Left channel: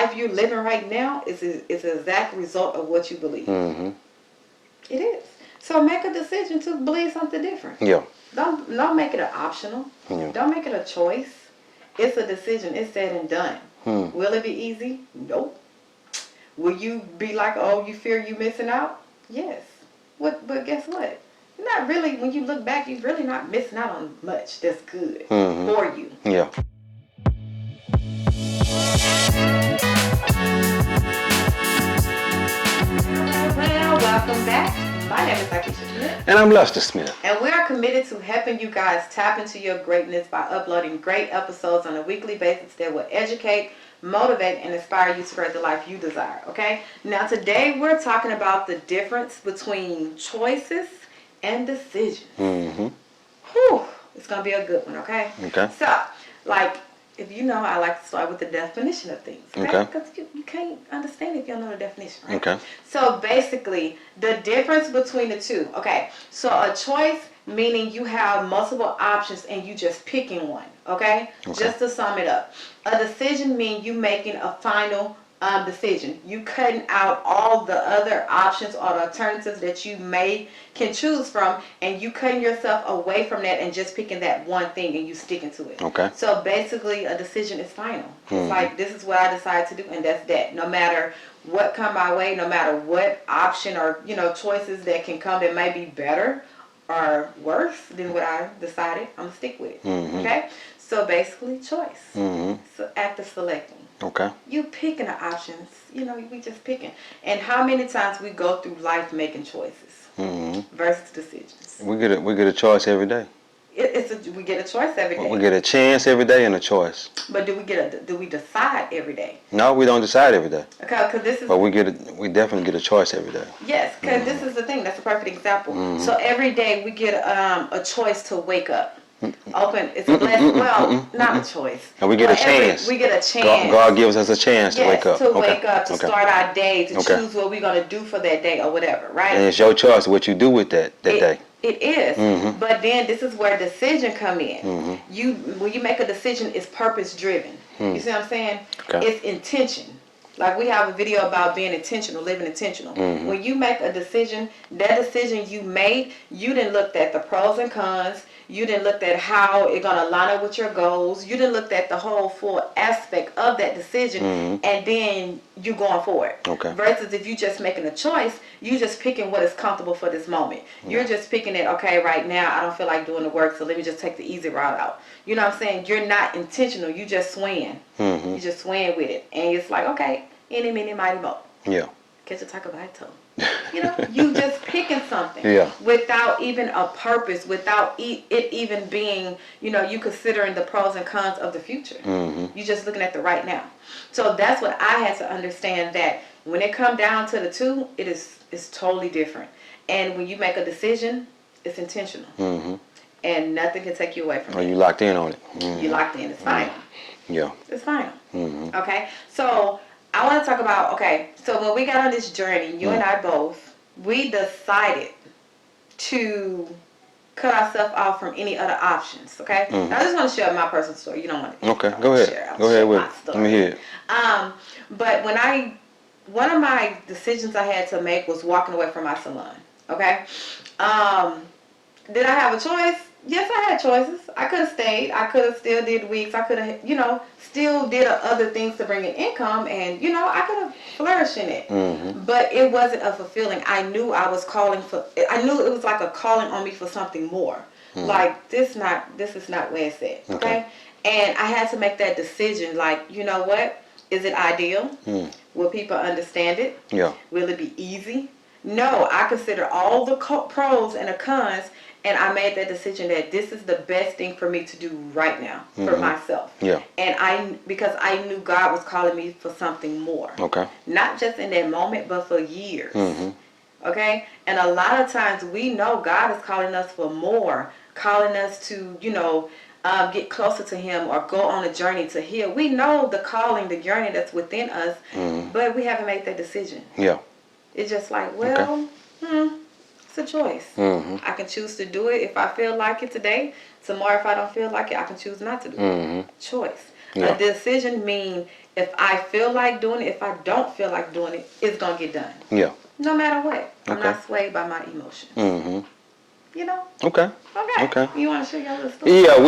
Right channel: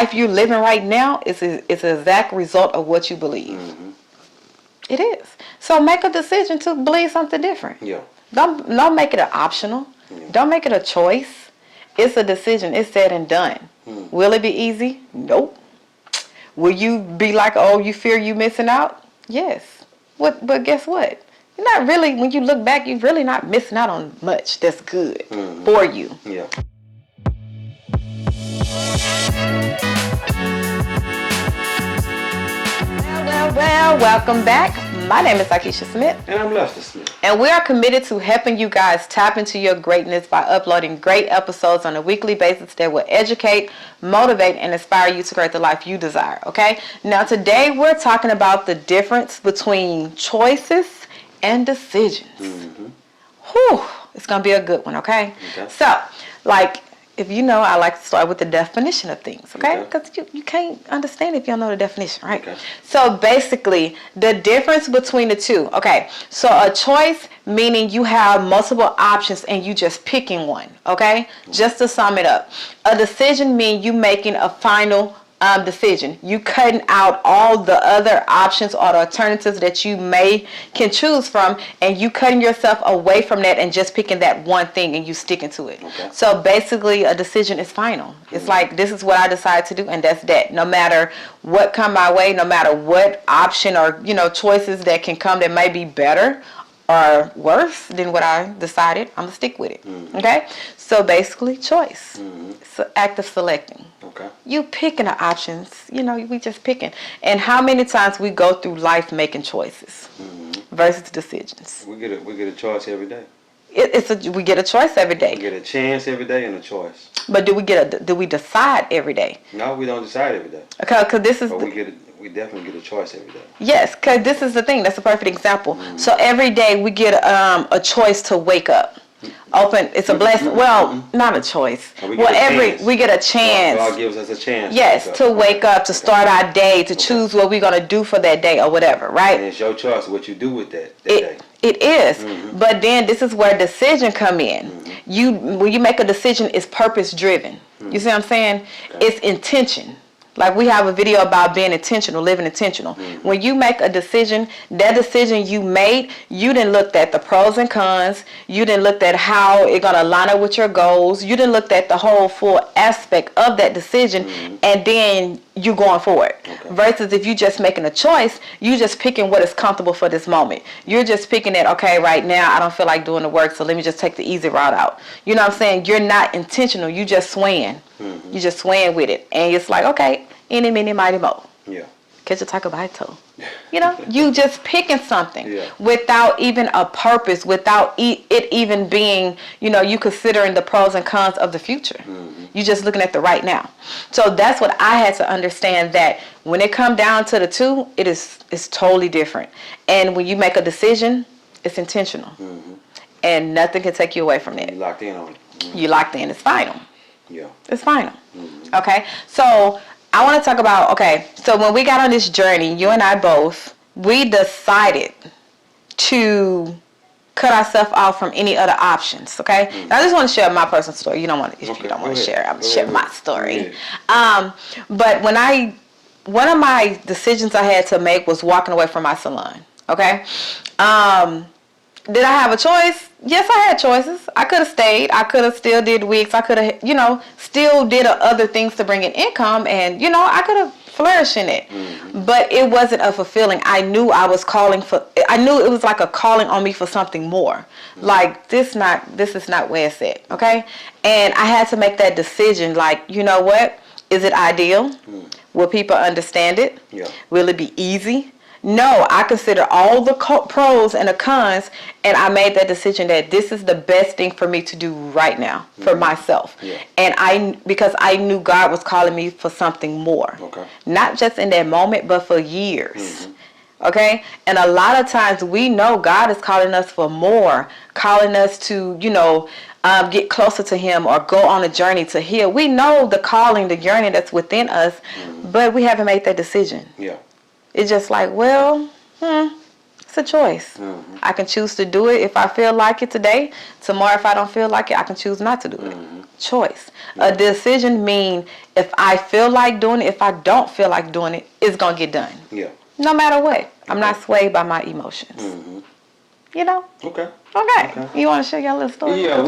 life you're living right now is an exact result of what you believe. Mm-hmm. It is. So make a decision to believe something different. Yeah. Don't make it an optional. Yeah. Don't make it a choice. It's a decision. It's said and done. Will it be easy? Nope. Will you be like, oh, you fear you missing out? Yes. But guess what? You're not really, when you look back, you're really not missing out on much that's good for you. Yeah. Well, welcome back. My name is Akeisha Smith. And I'm Lester Smith. And we are committed to helping you guys tap into your greatness by uploading great episodes on a weekly basis that will educate, motivate, and inspire you to create the life you desire, okay? Now, today we're talking about the difference between choices and decisions. Whew, it's going to be a good one, okay? Okay. So, like, if you know, I like to start with the definition of things, okay? Okay. Because you can't understand if you don't know the definition, right? Okay. So basically, the difference between the two, okay? So a choice meaning you have multiple options and you just picking one, okay? Just to sum it up. A decision means you making a final decision. You cutting out all the other options or the alternatives that you can choose from, and you cutting yourself away from that and just picking that one thing and you sticking to it. Okay. So basically, a decision is final. It's like, this is what I decide to do, and that's that. No matter what come my way, no matter what option or choices that can come that may be better or worse than what I decided, I'm gonna stick with it. Okay. So basically, choice. It's an act of selecting. Okay. You picking the options, we just picking. And how many times we go through life making choices versus decisions? We get a choice every day. We get a choice every day. We get a chance every day and a choice. But do we decide every day? No, we don't decide every day. Okay, because this is. But we definitely get a choice every day. Yes, because this is the thing. That's a perfect example. So every day we get a choice to wake up. It's a blessing. Well, not a choice. And we get a chance. We get a chance. God gives us a chance yes, to wake up. To start our day, to choose what we're going to do for that day or whatever, right? And it's your choice what you do with that day. It is. But then this is where decision come in. When you make a decision, it's purpose driven. You see what I'm saying? Okay. It's intention. Like we have a video about being intentional, living intentional. When you make a decision, that decision you made, you didn't look at the pros and cons. You didn't look at how it's going to line up with your goals. You didn't look at the whole full aspect of that decision, and then you going for it. Okay. Versus if you just making a choice, you just picking what is comfortable for this moment. You're just picking it, okay, right now I don't feel like doing the work, so let me just take the easy route out. You know what I'm saying? You're not intentional. You just swaying. You just swaying with it. And it's like, okay, any, mini, mighty, mo. Yeah. Catch a taco by toe. You just picking something without even a purpose, without it even being, you considering the pros and cons of the future. You just looking at the right now. So that's what I had to understand, that when it come down to the two, it's totally different. And when you make a decision, it's intentional. And nothing can take you away from it. You locked in on it. You locked in. It's final. Yeah. It's final. Okay? So I want to talk about, so when we got on this journey, you and I both, we decided to cut ourselves off from any other options, okay? Now, I just want to share my personal story. You don't want to, if you don't want to share, I'm going to share my story. But one of my decisions I had to make was walking away from my salon, okay? Did I have a choice? Yes, I had choices. I could have stayed. I could have still did wigs. I could have, still did other things to bring in income, and, I could have flourished in it. But it wasn't a fulfilling. I knew I was I knew it was like a calling on me for something more. Like, this is not where it's at, okay? And I had to make that decision, like, you know what? Is it ideal? Will people understand it? Yeah. Will it be easy? No, I consider all the pros and the cons, and I made that decision that this is the best thing for me to do right now for myself. Yeah. And because I knew God was calling me for something more. Okay. Not just in that moment, but for years. Okay? And a lot of times we know God is calling us for more, calling us to, get closer to Him or go on a journey to heal. We know the calling, the yearning that's within us, but we haven't made that decision. Yeah. It's just like, It's a choice. I can choose to do it if I feel like it today. Tomorrow, if I don't feel like it, I can choose not to do it. Choice. Yeah. A decision means if I feel like doing it, if I don't feel like doing it, it's going to get done. Yeah. No matter what. I'm Okay. not swayed by my emotions. You know? Okay. Okay. Okay. You want to share your little story? Yeah,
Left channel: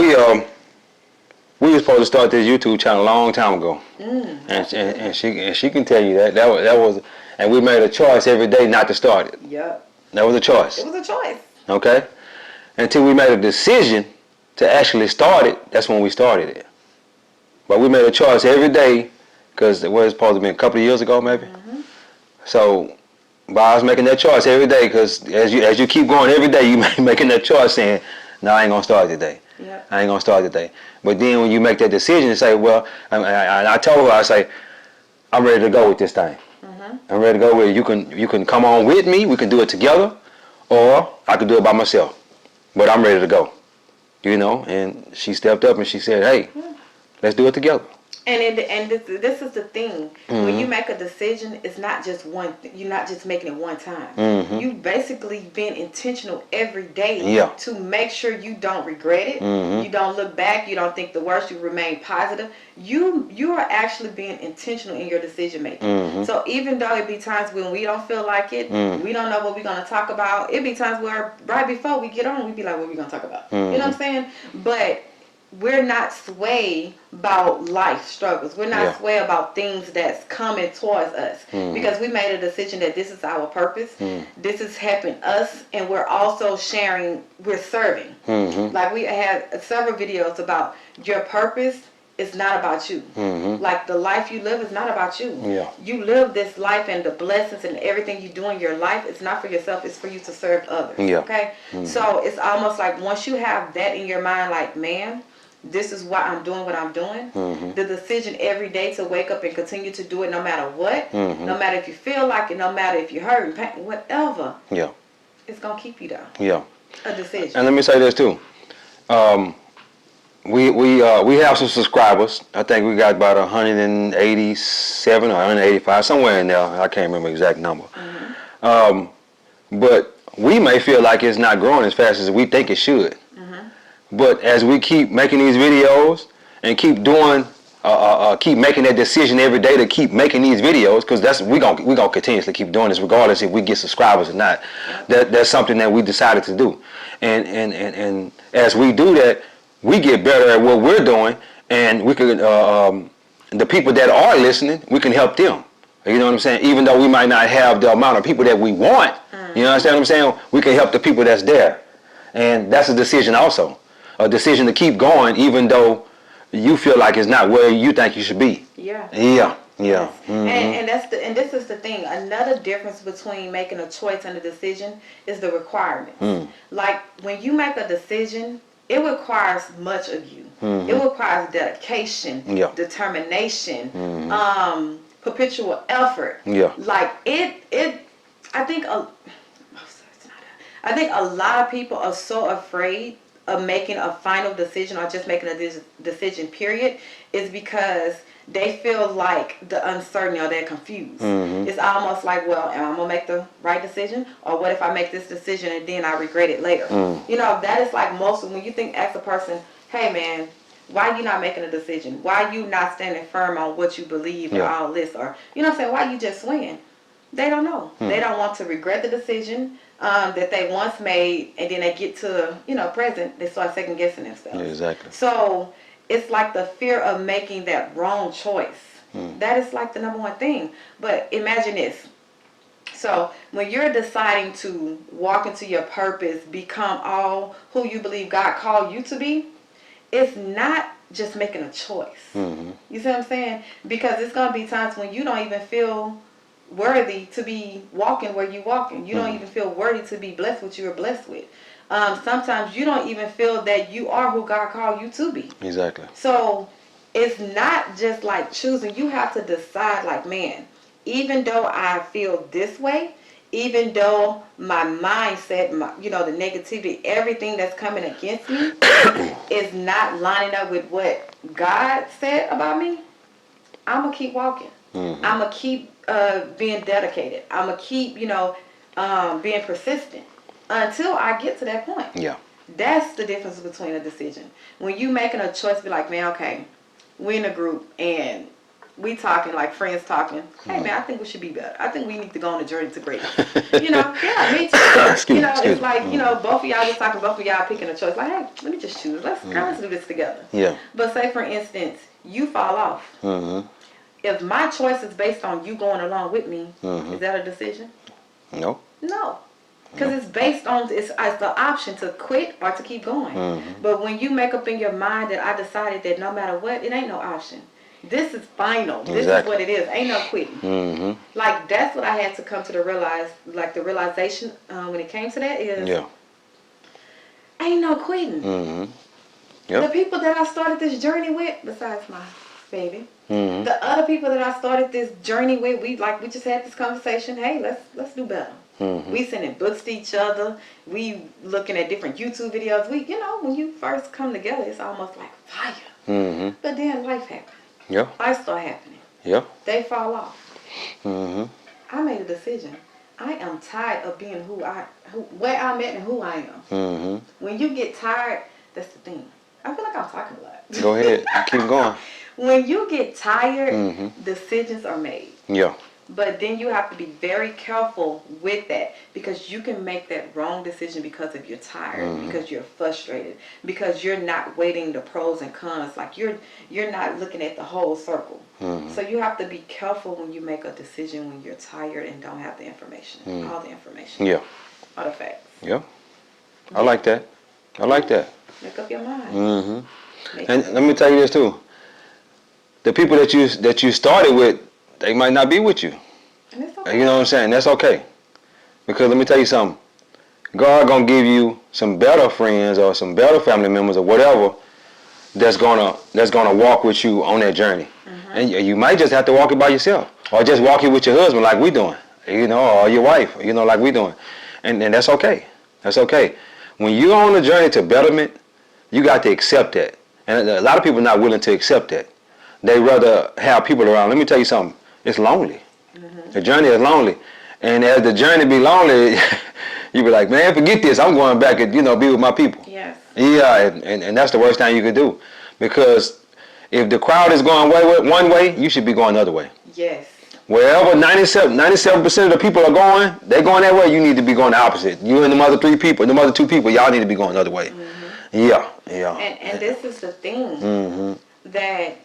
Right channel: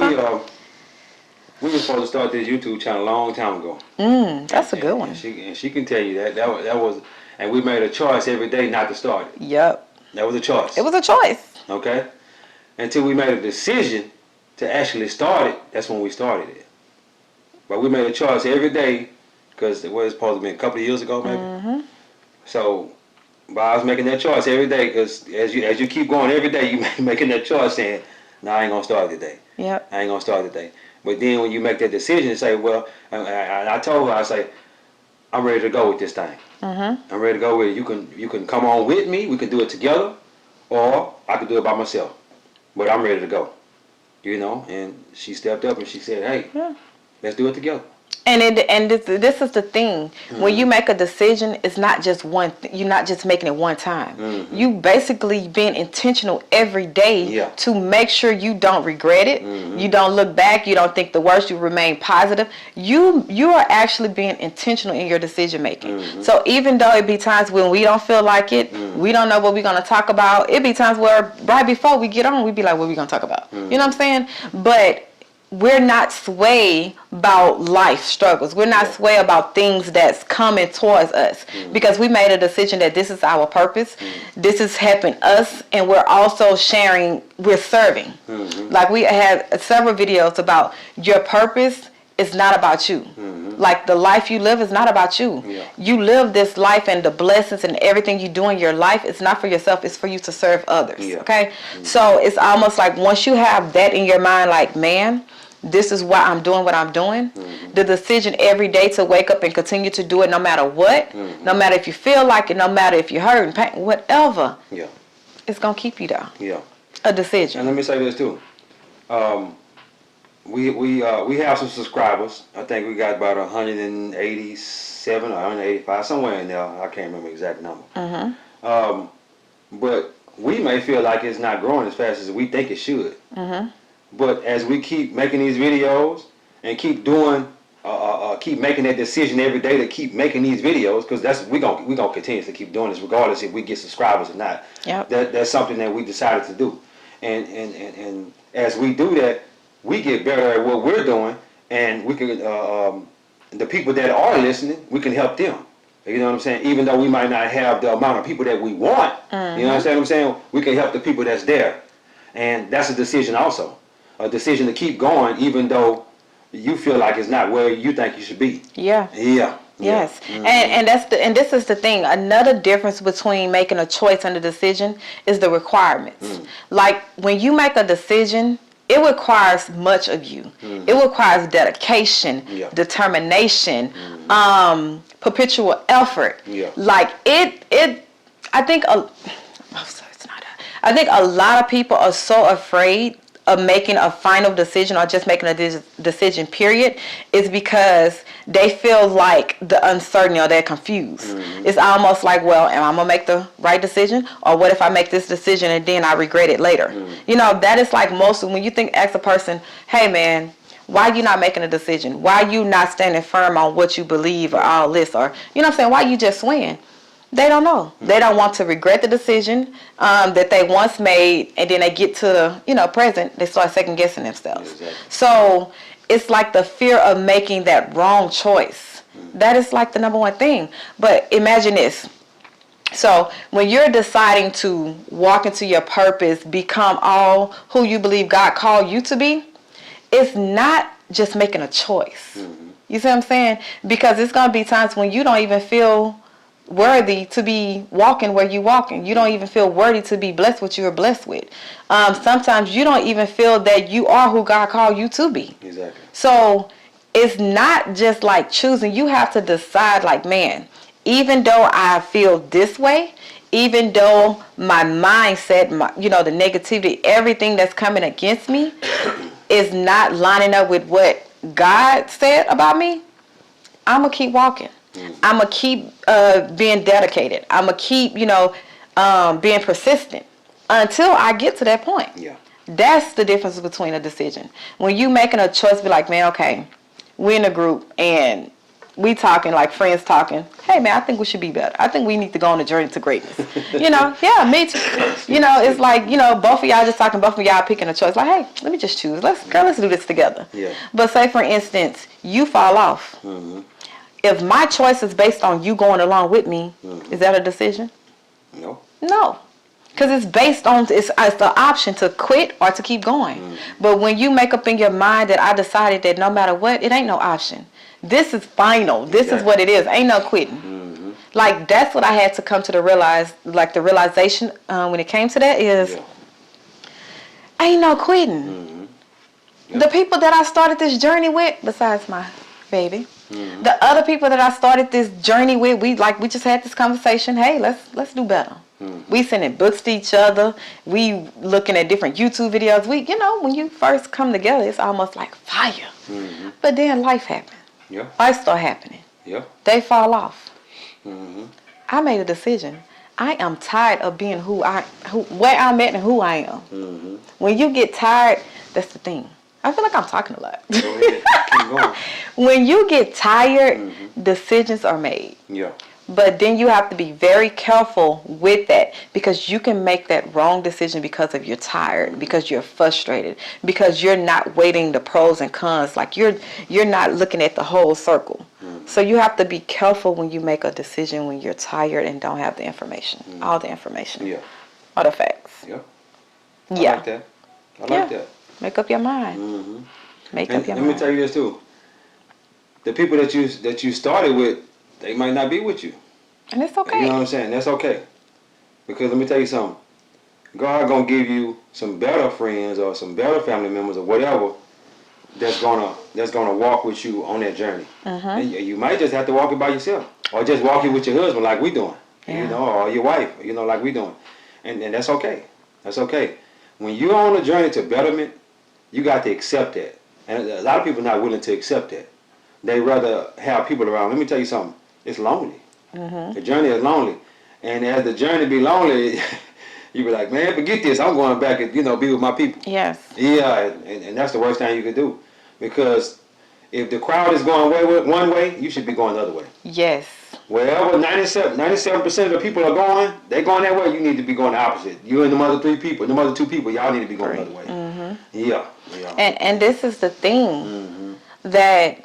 we were supposed to start this YouTube channel a long time ago. That's a good one. And she can tell you that was, and we made a choice every day not to start it. Yep. That was a choice. It was a choice. Okay? Until we made a decision to actually start it, that's when we started it. But we made a choice every day, because it was supposed to be a couple of years ago, maybe. So, by us making that choice every day, because as you keep going every day, you making that choice saying, no, I ain't going to start today. Yep. I ain't going to start today. But then when you make that decision and say, well, I told her, I say, I'm ready to go with this thing. I'm ready to go with it. You can come on with me. We can do it together, or I could do it by myself. But I'm ready to go. You know, and she stepped up and she said, hey, let's do it together. And this is the thing. When you make a decision, it's not just one. You're not just making it one time. You basically being intentional every day to make sure you don't regret it. You don't look back. You don't think the worst. You remain positive. You are actually being intentional in your decision making. So even though it be times when we don't feel like it, we don't know what we're gonna talk about. It be times where right before we get on, we be like, what we gonna talk about? You know what I'm saying? But we're not swayed about life struggles. We're not swayed about things that's coming towards us because we made a decision that this is our purpose. This is helping us, and we're also sharing, we're serving. Like we had several videos about your purpose is not about you. Like the life you live is not about you. You live this life, and the blessings and everything you do in your life, it's not for yourself, it's for you to serve others. Okay? So it's almost like once you have that in your mind, like, man, this is why I'm doing what I'm doing. The decision every day to wake up and continue to do it no matter what, no matter if you feel like it, no matter if you're hurt and pain, whatever, it's going to keep you there. A decision. And let me say this too. We have some subscribers. I think we got about 187 or 185, somewhere in there. I can't remember the exact number. But we may feel like it's not growing as fast as we think it should. But as we keep making these videos and keep doing, keep making that decision every day to keep making these videos, because we gonna continuously keep doing this regardless if we get subscribers or not. That's something that we decided to do, and as we do that, we get better at what we're doing, and we could the people that are listening, we can help them. You know what I'm saying? Even though we might not have the amount of people that we want, you understand what I'm saying? We can help the people that's there, and that's a decision also. A decision to keep going even though you feel like it's not where you think you should be. Yes. And this is the thing. Another difference between making a choice and a decision is the requirements. Like when you make a decision, it requires much of you. It requires dedication, determination, perpetual effort. Like I think a lot of people are so afraid of making a final decision or just making a decision period is because they feel like the uncertainty or they're confused. It's almost like, well, am I going to make the right decision? Or what if I make this decision and then I regret it later? You know, that is like most, when you ask a person, hey man, why are you not making a decision? Why are you not standing firm on what you believe or all this? Or, you know what I'm saying? Why you just swaying? They don't know. They don't want to regret the decision that they once made, and then they get to, present, they start second guessing themselves. Exactly. So it's like the fear of making that wrong choice. That is like the number one thing. But imagine this. So when you're deciding to walk into your purpose, become all who you believe God called you to be, it's not just making a choice. You see what I'm saying? Because it's going to be times when you don't even feel worthy to be walking where you're walking. You don't even feel worthy to be blessed what you are blessed with. Sometimes you don't even feel that you are who God called you to be. Exactly. So it's not just like choosing. You have to decide like, man, even though I feel this way, even though my mindset, the negativity, everything that's coming against me is not lining up with what God said about me, I'm going to keep walking. I'm going to keep being dedicated. I'm going to keep, being persistent. until I get to that point. Yeah. That's the difference between a decision. When you making a choice, be like, man, okay, we in a group and we talking like friends talking. Hey, man, I think we should be better. I think we need to go on a journey to greatness. Yeah, me too. It's like, both of y'all just talking, both of y'all picking a choice. Like, hey, let me just choose. Let's do this together. Yeah. But say, for instance, you fall off. If my choice is based on you going along with me, is that a decision? No. No. Because it's based on, it's the option to quit or to keep going. But when you make up in your mind that I decided that no matter what, it ain't no option. This is final. This is what it is. Ain't no quitting. Like, that's what I had to come to the realization when it came to that is, ain't no quitting. The people that I started this journey with, besides my baby, the other people that I started this journey with, we just had this conversation. Hey, let's do better. We sending books to each other. We looking at different YouTube videos. When you first come together, it's almost like fire. But then life happened. Yeah. Life start happening. Yeah. They fall off. I made a decision. I am tired of being where I'm at and who I am. When you get tired, that's the thing. I feel like I'm talking a lot. Go ahead. Keep going. When you get tired, decisions are made. Yeah. But then you have to be very careful with that, because you can make that wrong decision because of you're tired, because you're frustrated, because you're not weighing the pros and cons. Like you're not looking at the whole circle. So you have to be careful when you make a decision when you're tired and don't have the information, all the information. Yeah. All the facts. Yeah. I like that. I like that. Make up your mind. And let me tell you this too. The people that you started with, they might not be with you. And it's okay. You know what I'm saying? That's okay. Because let me tell you something. God gonna give you some better friends or some better family members or whatever that's gonna walk with you on that journey. And you might just have to walk it by yourself, or just walk it with your husband like we doing, or your wife, like we doing, and that's okay. That's okay. When you're on a journey to betterment, you got to accept that, and a lot of people are not willing to accept that. They rather have people around. Let me tell you something. It's lonely. The journey is lonely, and as the journey be lonely, you be like, man, forget this. I'm going back and be with my people. Yes. Yeah, and that's the worst thing you could do, because if the crowd is going one way, you should be going the other way. Yes. Wherever 97% of the people are going, they're going that way. You need to be going the opposite. You and the other two people, y'all need to be going the other way. Yeah. And this is the thing that.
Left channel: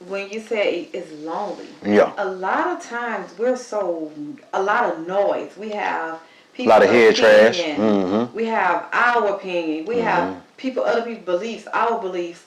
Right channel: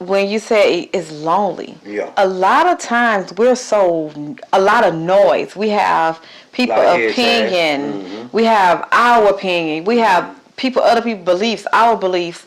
When you say it's lonely, a lot of times a lot of noise. We have people opinion. We have our opinion. We have other people's beliefs, our beliefs.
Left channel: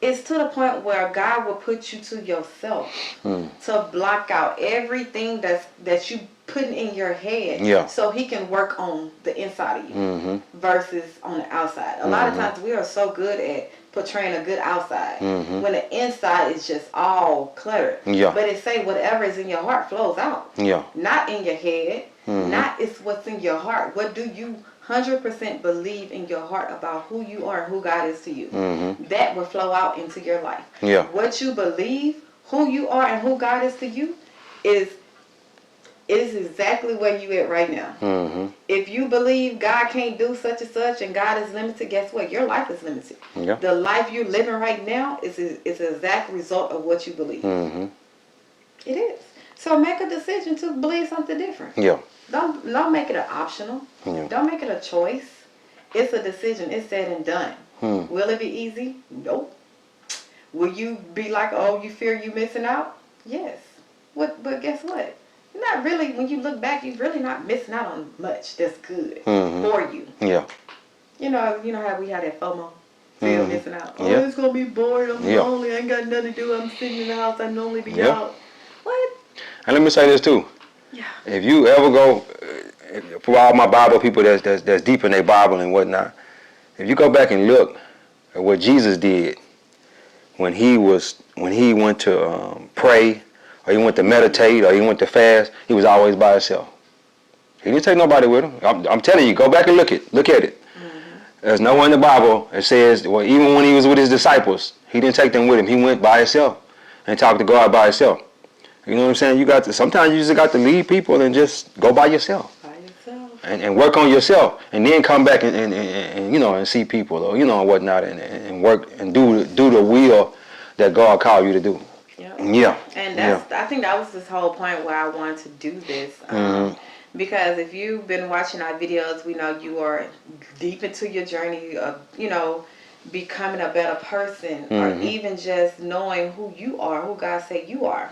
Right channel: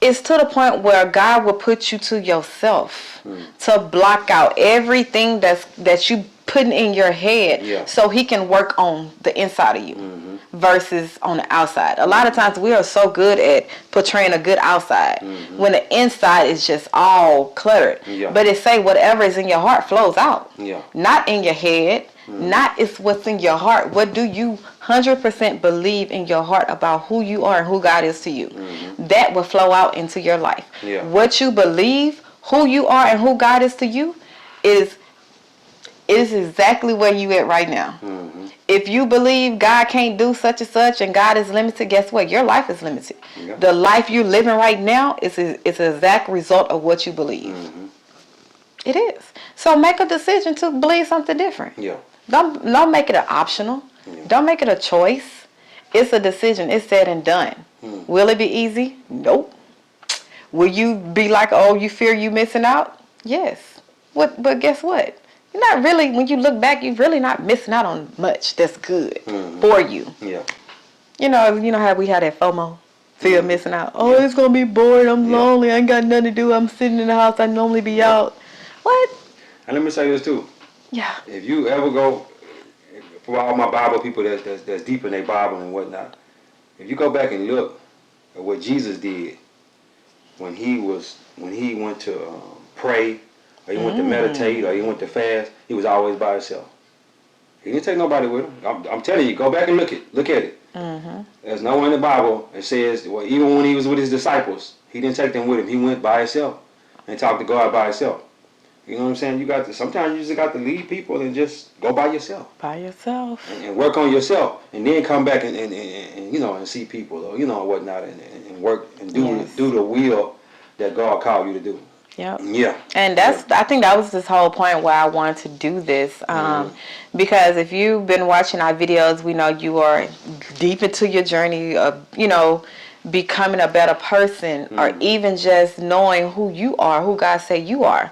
It's to the point where God will put you to yourself to block out everything that you putting in your head, so He can work on the inside of you versus on the outside. A lot of times we are so good at portraying a good outside when the inside is just all cluttered. But it say whatever is in your heart flows out. Not in your head. Not it's what's in your heart. What do you 100% believe in your heart about who you are and who God is to you? That will flow out into your life. What you believe, who you are and who God is to you is exactly where you at right now. If you believe God can't do such and such and God is limited, guess what? Your life is limited. The life you're living right now is an exact result of what you believe. It is. So make a decision to believe something different. Don't make it an optional. Don't make it a choice. It's a decision. It's said and done. Will it be easy? Nope. Will you be like, oh, you fear you missing out? Yes. But guess what? You're not really, when you look back, you're really not missing out on much that's good for you. You know how we had that FOMO, fear of missing out. Oh, it's going to be boring. I'm lonely. I ain't got nothing to do. I'm sitting in the house. I normally be out. What? And let me say this too. Yeah. If you ever go, for all my Bible people that's deep in their Bible and whatnot, if you go back and look at what Jesus did when he went to pray, or he went to meditate, or he went to fast, he was always by himself. He didn't take nobody with him. I'm telling you, go back and look at it. There's nowhere in the Bible that says, well, even when he was with his disciples, he didn't take them with him. He went by himself and talked to God by himself. You know what I'm saying? Sometimes you just got to leave people and just go by yourself. By yourself. And work on yourself, and then come back and you know, and see people, or you know, and whatnot, and work and do the will that God called you to do. Yep. Yeah. And I think that was this whole point why I wanted to do this. Because if you've been watching our videos, we know you are deep into your journey of, you know, becoming a better person, or even just knowing who you are, who God said you are.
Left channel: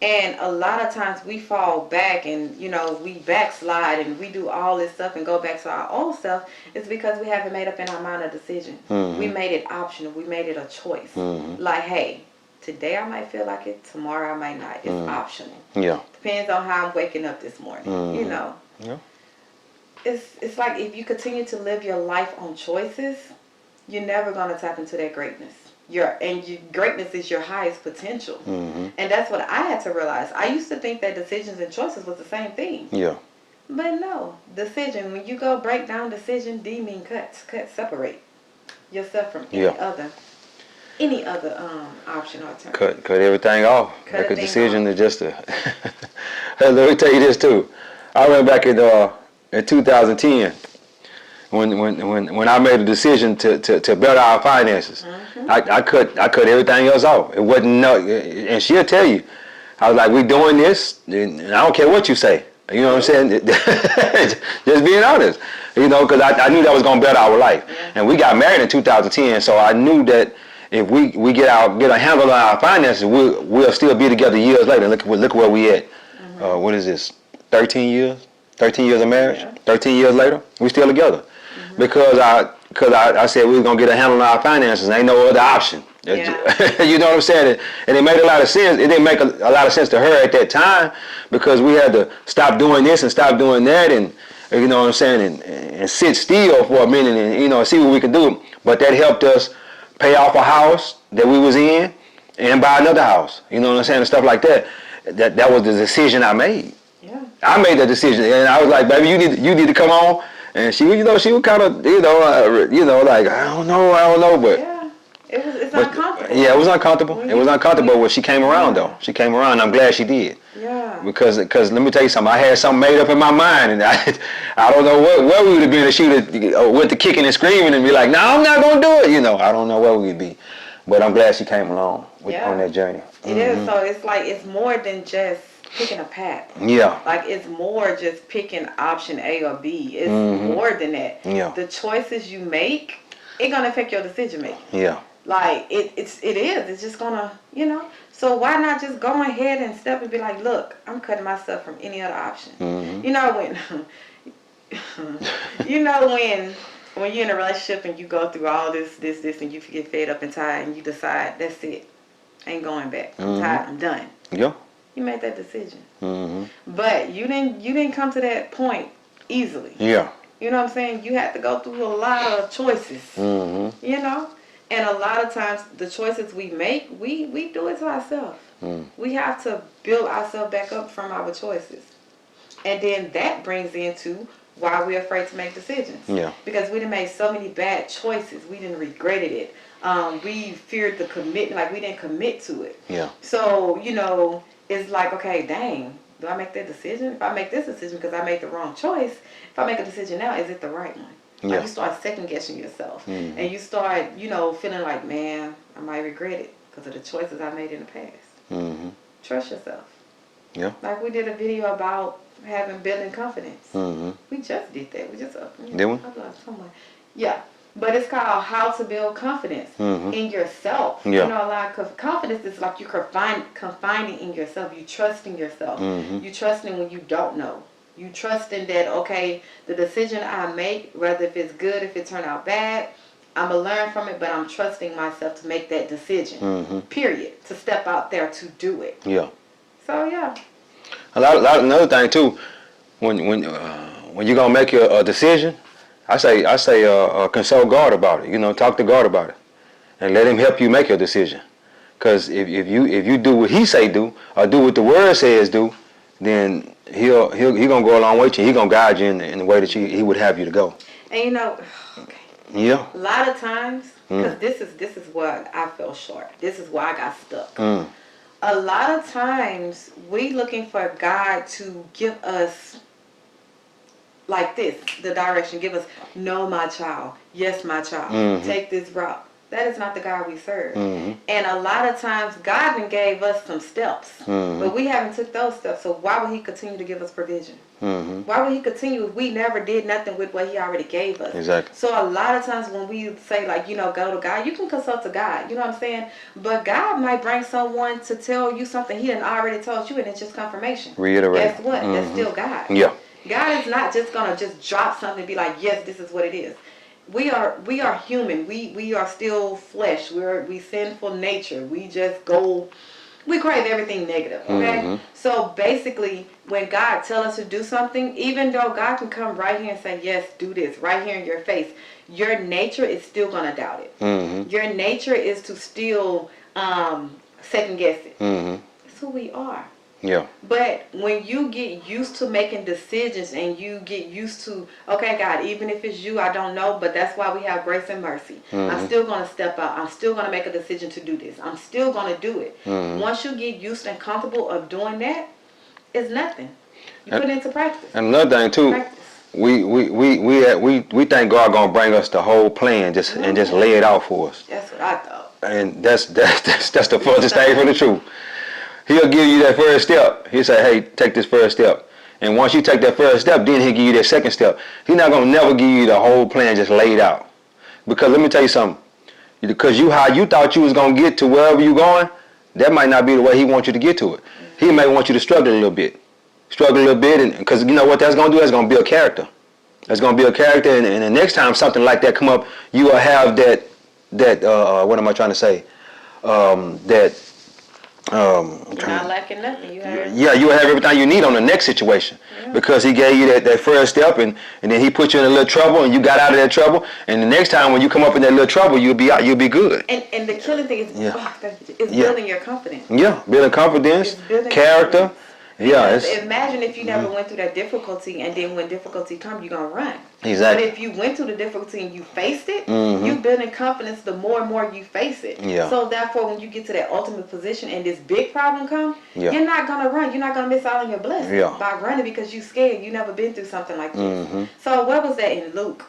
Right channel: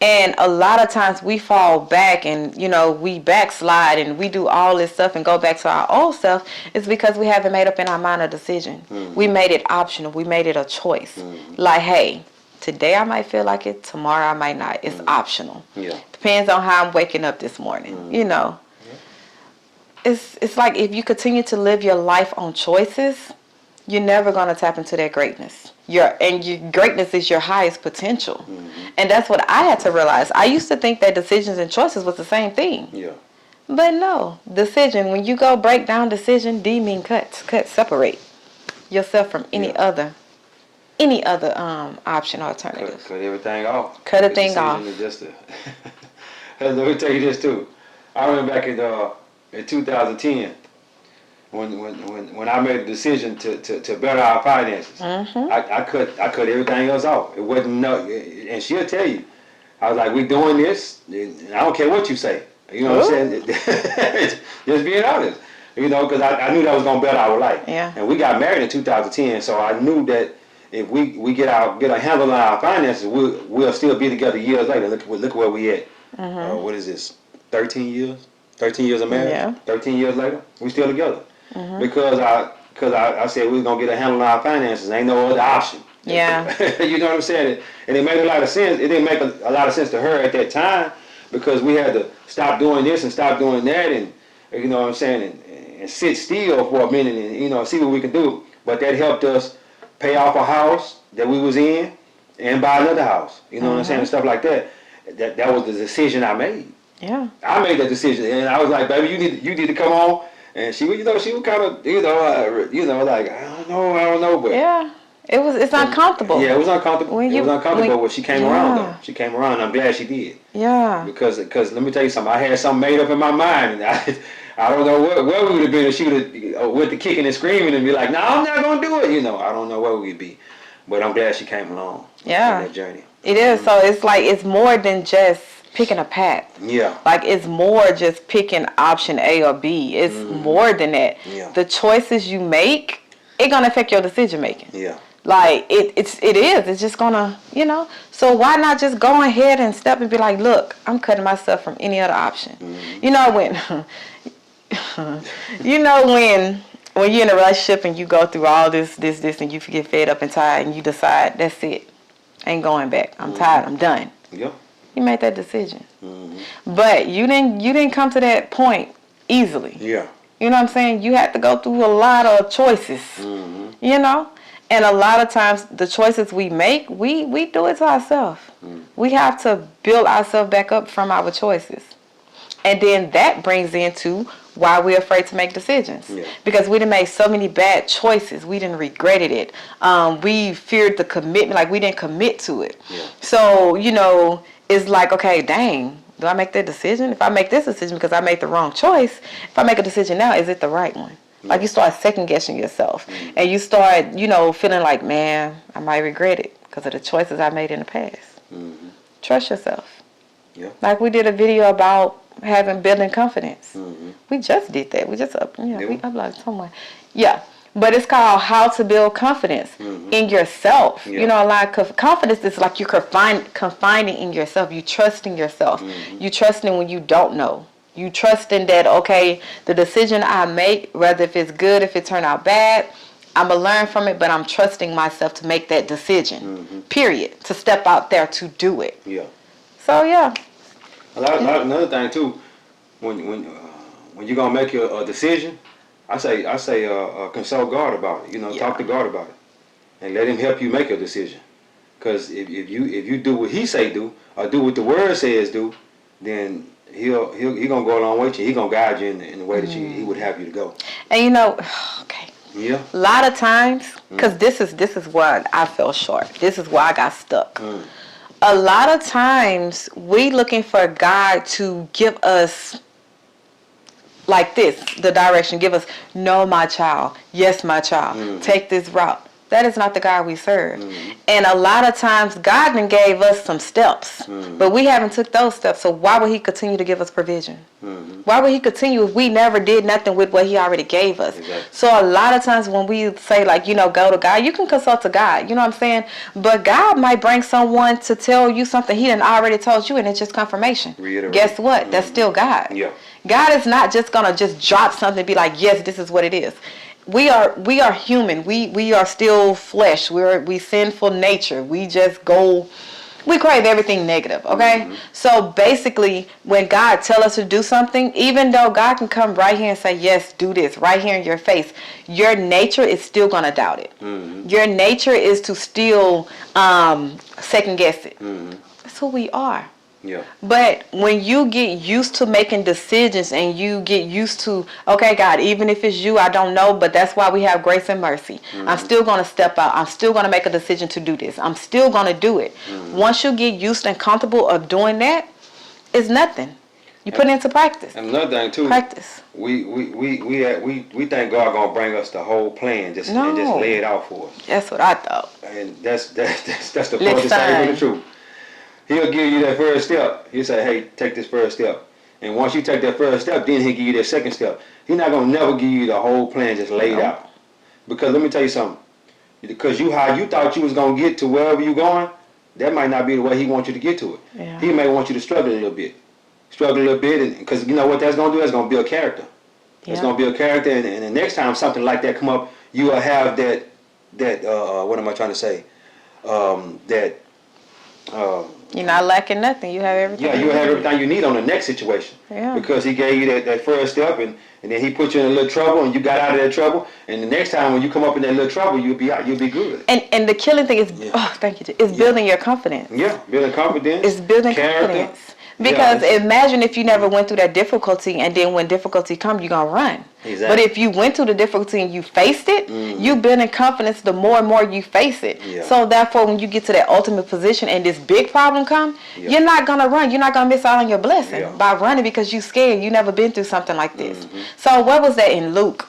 And a lot of times we fall back and, you know, we backslide and we do all this stuff and go back to our old self. It's because we haven't made up in our mind a decision. We made it optional. We made it a choice. Like, hey, today I might feel like it, tomorrow I might not. It's optional. Yeah. Depends on how I'm waking up this morning, you know. Yeah. It's like if you continue to live your life on choices, you're never going to tap into that greatness. Your greatness is your highest potential. And that's what I had to realize. I used to think that decisions and choices was the same thing. Yeah. But no, decision, when you go break down decision, D mean cut, separate yourself from any other option or alternative. Cut everything off. Cut a Make thing decision off. to just Let me tell you this too. I went back in 2010 when I made a decision to better our finances. I cut everything else off. It wasn't and she'll tell you. I was like, we doing this, and I don't care what you say. You know what I'm saying? Just being honest. You know, because I knew that was going to better our life. Yeah. And we got married in 2010, so I knew that if we get a handle on our finances, we'll still be together years later. Look where we at. What is this? 13 years? 13 years of marriage? Yeah. 13 years later, we still together. Because I said we was gonna get a handle on our finances. Ain't no other option. Yeah. You know what I'm saying? And it made a lot of sense. It didn't make a lot of sense to her at that time, because we had to stop doing this and stop doing that, and you know what I'm saying, and sit still for a minute and, you know, see what we could do. But that helped us pay off a house that we was in and buy another house. You know what I'm saying? And stuff like that. That was the decision I made. Yeah. I made that decision, and I was like, baby, you need to come on. And she was kind of, like, I don't know, but Yeah. It's uncomfortable. Yeah, it was uncomfortable. It was uncomfortable when she came around, though. She came around, and I'm glad she did. Yeah. Because let me tell you something. I had something made up in my mind, and I don't know where we would have been to shoot it with the kicking and screaming and be like, no, I'm not gonna do it. You know, I don't know where we'd be. But I'm glad she came along on that journey. It is. So it's like it's more than just picking a path. Yeah. Like it's more just picking option A or B. It's more than that. Yeah. The choices you make, it's gonna affect your decision making. Yeah. Like it is. It's just gonna, you know. So why not just go ahead and step and be like, look, I'm cutting myself from any other option. You know when you're in a relationship and you go through all this, and you get fed up and tired, and you decide that's it, ain't going back. I'm tired. I'm done. Yeah. You made that decision, but you didn't come to that point easily. Yeah. You know what I'm saying? You had to go through a lot of choices. You know. And a lot of times, the choices we make, we do it to ourselves. We have to build ourselves back up from our choices. And then that brings into why we're afraid to make decisions. Yeah. Because we done made so many bad choices. We done regretted it. We feared the commitment, like we didn't commit to it. Yeah. So, you know, it's like, okay, dang, do I make that decision? If I make this decision because I made the wrong choice, if I make a decision now, is it the right one? Like you start second guessing yourself, and you start, you know, feeling like, man, I might regret it because of the choices I made in the past. Trust yourself. Yeah. Like we did a video about building confidence. We just did that. We just uploaded somewhere. Yeah, but it's called How to Build Confidence in Yourself. Yeah. You know, like confidence is like you're confining in yourself. You trusting yourself. You trusting when you don't know. You trusting that, okay, the decision I make, whether if it's good, if it turned out bad, I'm going to learn from it, but I'm trusting myself to make that decision, period, to step out there to do it. Yeah. So, yeah. Another thing, too, when you're going to make a decision, I say consult God about it. You know, talk to God about it and let him help you make your decision. Because if you do what he say do, or do what the word says do, then he gonna go a long way with you. He gonna guide you in the way that he would have you to go. And you know, okay. Yeah. A lot of times, because this is what I fell short. This is why I got stuck. a lot of times we looking for God to give us like this, the direction, give us, no, my child, yes, my child, take this route. That is not the God we serve. And a lot of times God then gave us some steps, but we haven't took those steps. So why would he continue to give us provision? Why would he continue if we never did nothing with what he already gave us? Exactly. So a lot of times when we say, like, go to God, you can consult to God, you know what I'm saying? But God might bring someone to tell you something he done already told you, and it's just confirmation. Reiterate. Guess what? That's still God. Yeah. God is not just gonna just drop something and be like, yes, this is what it is. We are human. We are still flesh. We sinful nature. We crave everything negative, okay? So basically, when God tell us to do something, even though God can come right here and say, yes, do this, right here in your face, your nature is still gonna doubt it. Your nature is to still second guess it. That's who we are. Yeah. But when you get used to making decisions and you get used to, okay, God, even if it's you, I don't know, but that's why we have grace and mercy. I'm still going to step out. I'm still going to make a decision to do this. I'm still going to do it. Once you get used and comfortable of doing that, it's nothing. You put it into practice. And another thing too, Practice. we think God gonna bring us the whole plan and just lay it out for us. That's what I thought. And that's the furthest thing from the truth. He'll give you that first step. He'll say, hey, take this first step. And once you take that first step, then he'll give you that second step. He's not going to never give you the whole plan just laid out. Because let me tell you something. Because how you thought you was going to get to wherever you're going, that might not be the way he wants you to get to it. Yeah. He may want you to struggle a little bit. Because you know what that's going to do? That's going to build character. That's going to build character. And the next time something like that come up, you will have that what am I trying to say? You're not lacking nothing. You have everything. Yeah, you'll have everything you need on the next situation. Yeah. Because he gave you that first step and then he put you in a little trouble and you got out of that trouble. And the next time when you come up in that little trouble, you'll be good. And the killing thing is, thank you, it's building your confidence. Yeah, building confidence. It's building character. Confidence. Because imagine if you never went through that difficulty and then when difficulty comes, you're going to run. Exactly. But if you went through the difficulty and you faced it, you build in confidence the more and more you face it. Yeah. So therefore, when you get to that ultimate position and this big problem come, you're not going to run. You're not going to miss out on your blessing by running because you're scared. You never been through something like this. So what was that in Luke?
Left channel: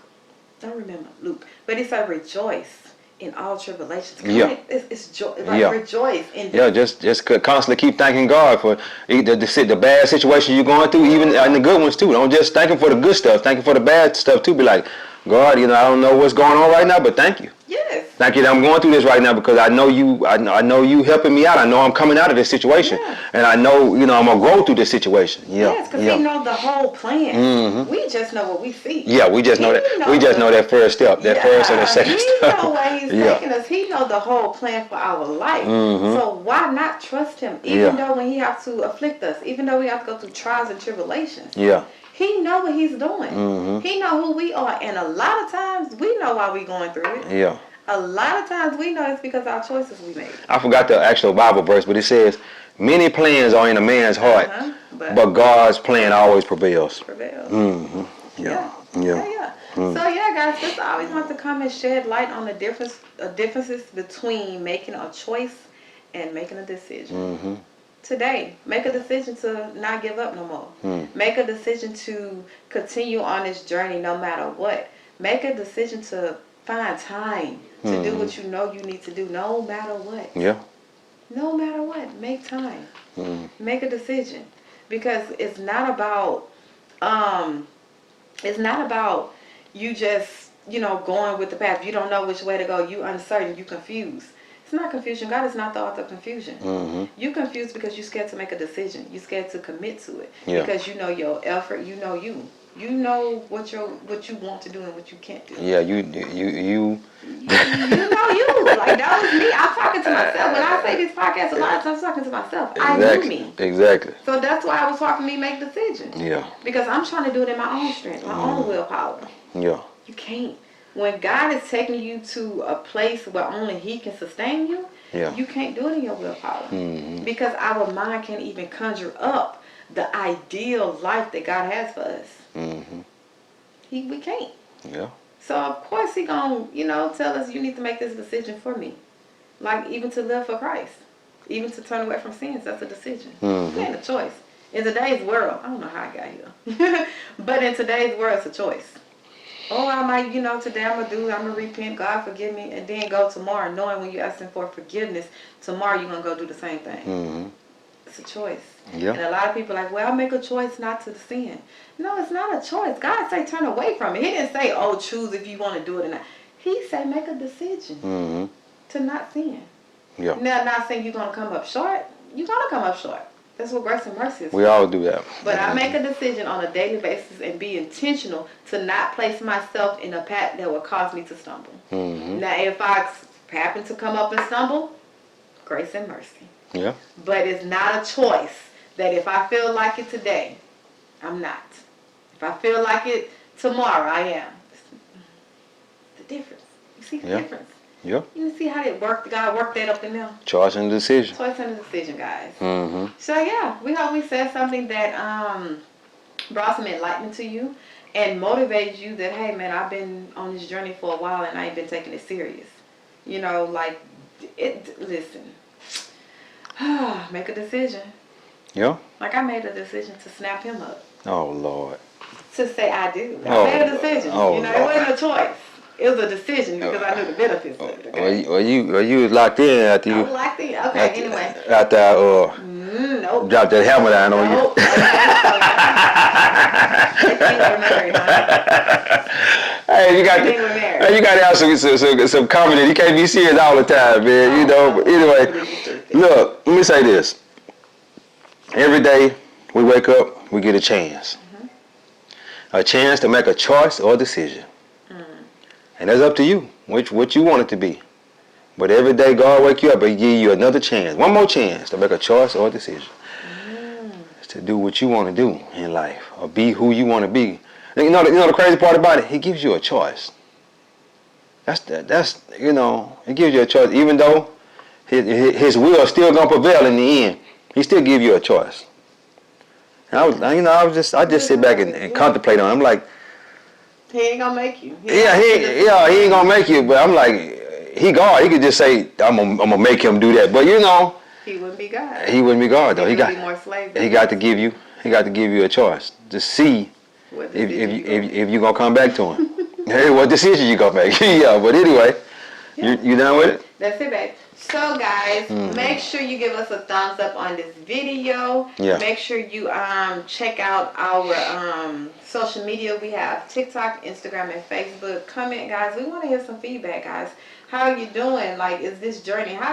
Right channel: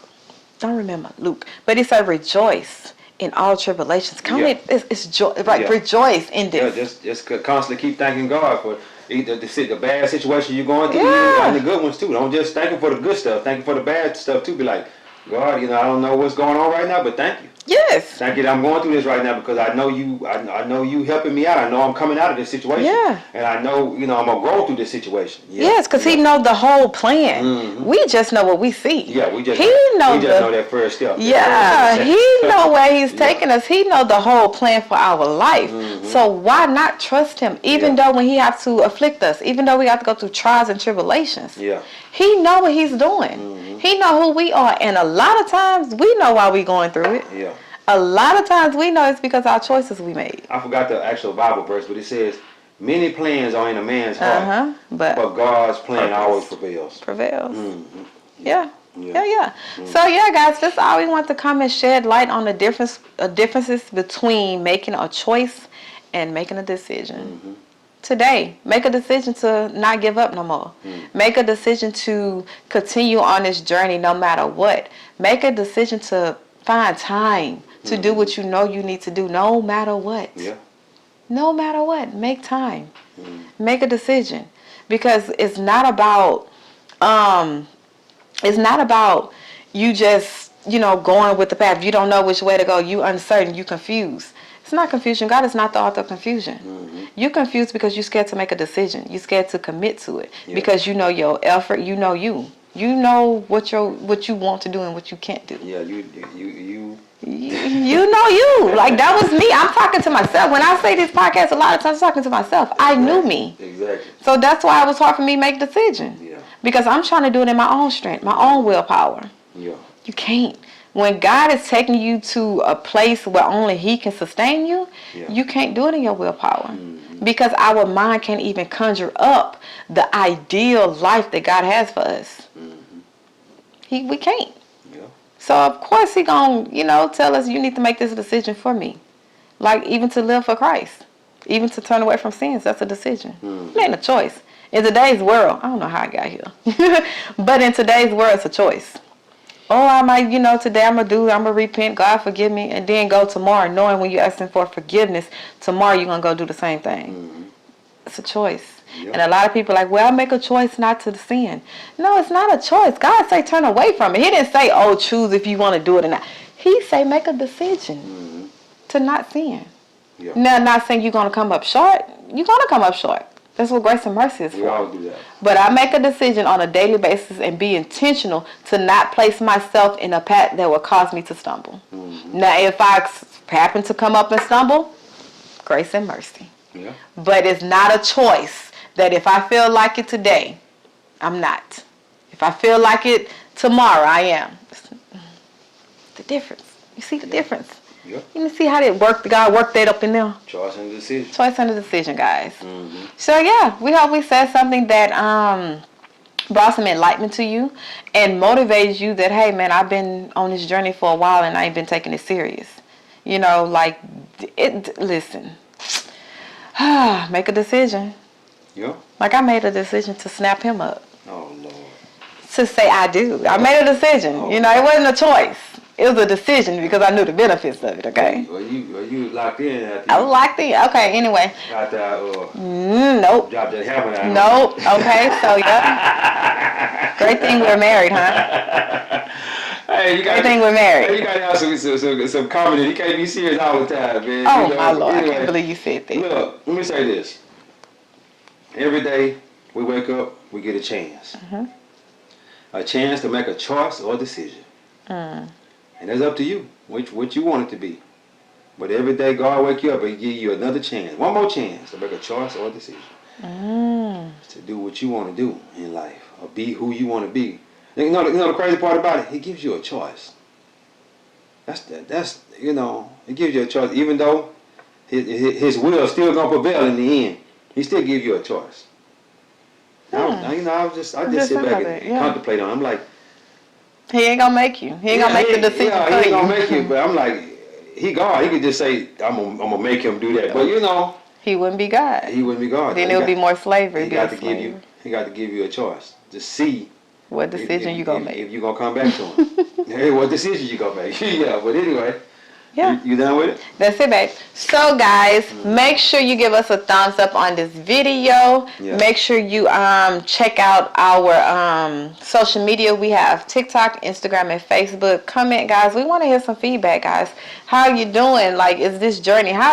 Don't remember Luke. But it said rejoice in all tribulations. It's joy, rejoice in this. Yeah, just constantly keep thanking God for the bad situation you're going through, even and the good ones too. Don't just thank Him for the good stuff. Thank Him for the bad stuff too. Be like, God, I don't know what's going on right now, but thank you. Yes. Thank you that I'm going through this right now because I know you helping me out. I know I'm coming out of this situation. Yeah. And I know, I'm going to grow through this situation. Yeah. Yes, because He knows the whole plan. We just know what we see. Yeah, we just know that first step. That first and the second He step. know where He's taking us. He know the whole plan for our life. So why not trust Him? Even though when He have to afflict us, even though we have to go through trials and tribulations. Yeah. He know what He's doing. He know who we are. And a lot of times we know why we going through it. Yeah. A lot of times we know it's because our choices we made. I forgot the actual Bible verse, but it says, many plans are in a man's heart, but God's plan always prevails. Yeah. So guys, that's all we want to come and shed light on the differences between making a choice and making a decision. Today, make a decision to not give up no more. Make a decision to continue on this journey no matter what. Make a decision to find time to do what you know you need to do no matter what. Yeah. No matter what, make time. Make a decision. Because it's not about you just, going with the path. If you don't know which way to go, you uncertain, you confused. It's not confusion. God is not the author of confusion. You're confused because you're scared to make a decision. You're scared to commit to it because you know your effort. You know you. You know what you want to do and what you can't do. Yeah, you. You know you. Like that was me. I'm talking to myself. When I say this podcast, a lot of times I'm talking to myself. Exactly. I knew me. Exactly. So that's why it was hard for me to make decisions. Yeah. Because I'm trying to do it in my own strength, my own willpower. Yeah. You can't. When God is taking you to a place where only He can sustain you, you can't do it in your willpower. Because our mind can't even conjure up the ideal life that God has for us. We can't. Yeah. So of course He gonna, tell us you need to make this decision for me. Like even to live for Christ. Even to turn away from sins, that's a decision. It ain't a choice. In today's world, I don't know how I got here, but in today's world, it's a choice. Oh, I might, today I'm going to repent, God forgive me, and then go tomorrow, knowing when you're asking for forgiveness, tomorrow you're going to go do the same thing. It's a choice. Yep. And a lot of people are like, well, I make a choice not to sin. No, it's not a choice. God say turn away from it. He didn't say, oh, choose if you want to do it or not. He say make a decision to not sin. Yeah. Now, not saying you're going to come up short. You're going to come up short. That's what grace and mercy is We for. all do that. But I make a decision on a daily basis and be intentional to not place myself in a path that will cause me to stumble. Now, if I happen to come up and stumble, grace and mercy. Yeah. But it's not a choice that if I feel like it today, I'm not. If I feel like it tomorrow, I am. The difference. You see the difference? Yeah. You see how God worked that up in there? Choice and decision. Choice and a decision, guys. So yeah, we hope we said something that brought some enlightenment to you and motivates you that, hey man, I've been on this journey for a while and I ain't been taking it serious. Listen. Make a decision. Yeah. Like I made a decision to snap him up. Oh Lord. To say I do. I made a decision. Oh, it wasn't a choice. It was a decision because I knew the benefits of it, okay? Well, you was locked in after I you. was locked in. Okay, anyway. After I Nope. dropped that hammer down on you. Nope. Okay, so yeah. Great thing we're married, huh? Hey, Great thing we're married. You gotta have some comedy. You can't be serious all the time, man. Oh, my Lord. I Anyway. believe you said that. Look, let me say this. Every day we wake up, we get a chance. A chance to make a choice or decision. And that's up to you, what you want it to be. But every day God wake you up and give you another chance, one more chance to make a choice or a decision. To do what you want to do in life or be who you want to be. You know the crazy part about it? He gives you a choice. That's it gives you a choice. Even though his will is still gonna prevail in the end, he still give you a choice. I just sit back and contemplate on it. I'm like, he ain't gonna make you. he ain't gonna make you. But I'm like, he God. He could just say, I'm gonna make him do that. But he wouldn't be God. he wouldn't be God. Then it would be more slavery. He got to give you a choice to see what decision you gonna make. If you gonna come back to him. Hey, what decision you gonna make? Yeah. But anyway. Yeah. You done with it? That's it, babe. So, guys, make sure you give us a thumbs up on this video. Yeah. Make sure you check out our social media. We have TikTok, Instagram, and Facebook. Comment, guys. We want to hear some feedback, guys. How are you doing? Like, how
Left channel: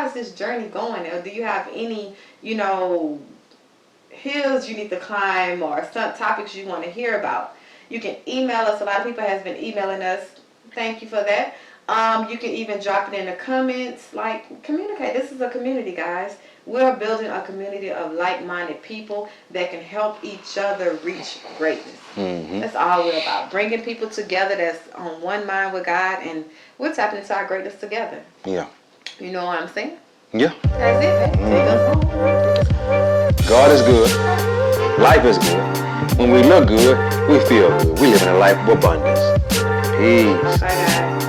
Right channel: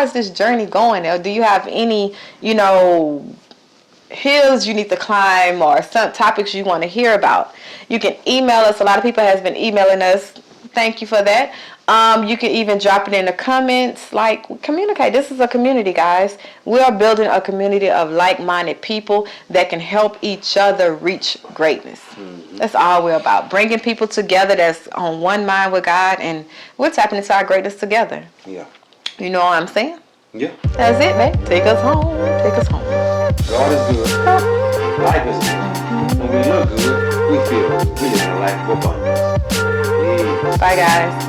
is this journey going? Or do you have any, hills you need to climb or some topics you want to hear about? You can email us. A lot of people has been emailing us. Thank you for that. You can even drop it in the comments. Like, communicate. This is a community, guys. We are building a community of like-minded people that can help each other reach greatness. That's all we're about. Bringing people together that's on one mind with God, and we're tapping into our greatness together. Yeah. You know what I'm saying? Yeah. That's it, man. Take us home. Take us home. God is good. Life is good. When we look good, we feel good. We live in a life of abundance. Peace. Bye, guys.